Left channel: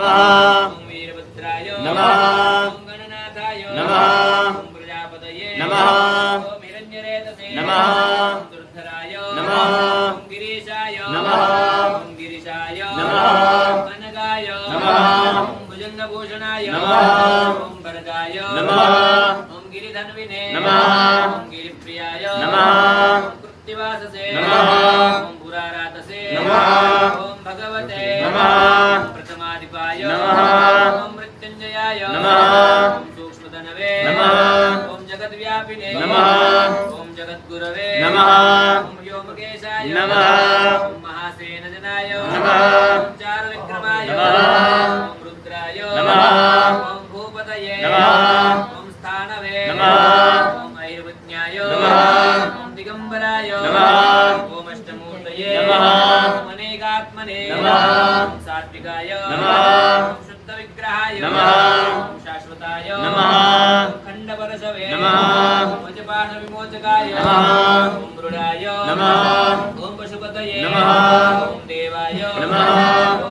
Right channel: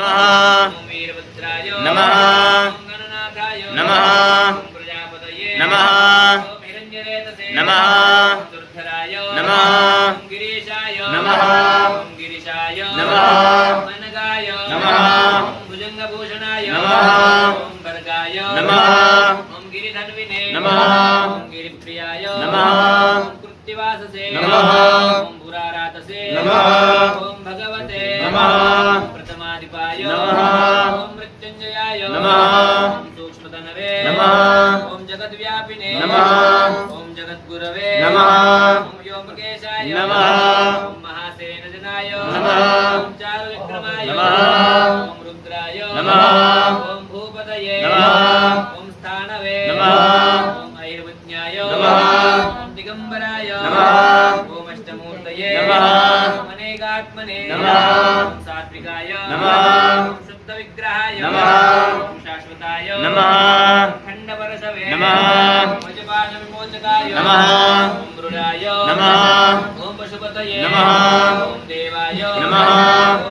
वीरभद्राय नमः गणनाथाय नमः प्रजापतये नमः निरंजनेतसे नमः दुर्धराय नमः गिरीशाय नमः गिरीशाय नमः मनगाय नमः भुजंगभूषणाय नमः ओम भर्गाय नमः ओम गिरिधन्विने नमः ओम गिरिप्रियाय नमः ओम कृत्तिवाससे नमः ओम पुरारातसे नमः ओम भगवते नमः प्रथमाधिपाय नमः ओम मृत्युंजयाय नमः ओम सूक्ष्मतनवे नमः ओम जगद्व्यापिने नमः ओम जगद्गुरवे नमः ओम व्योमकेशाय नमः ओम महासेनजनाय नमः ओम चारुविक्रमाय नमः ओम रुद्राय नमः ओम भूपतये नमः ओम स्थानवे नमः ओम ऐर्वज्ञाय नमः ओम दिगंबराय नमः ओम अष्टमूर्तये नमः ओम अनेकात्मने नमः ओम सात्विकाय नमः ओम शुद्धविग्रहाय नमः ओम शाश्वताय नमः ओम खंडपरशवे नमः ओम वज्रपाशविमोचकाय नमः ओम मृडाय नमः ओम पशुपतये नमः ओम देवाय नमः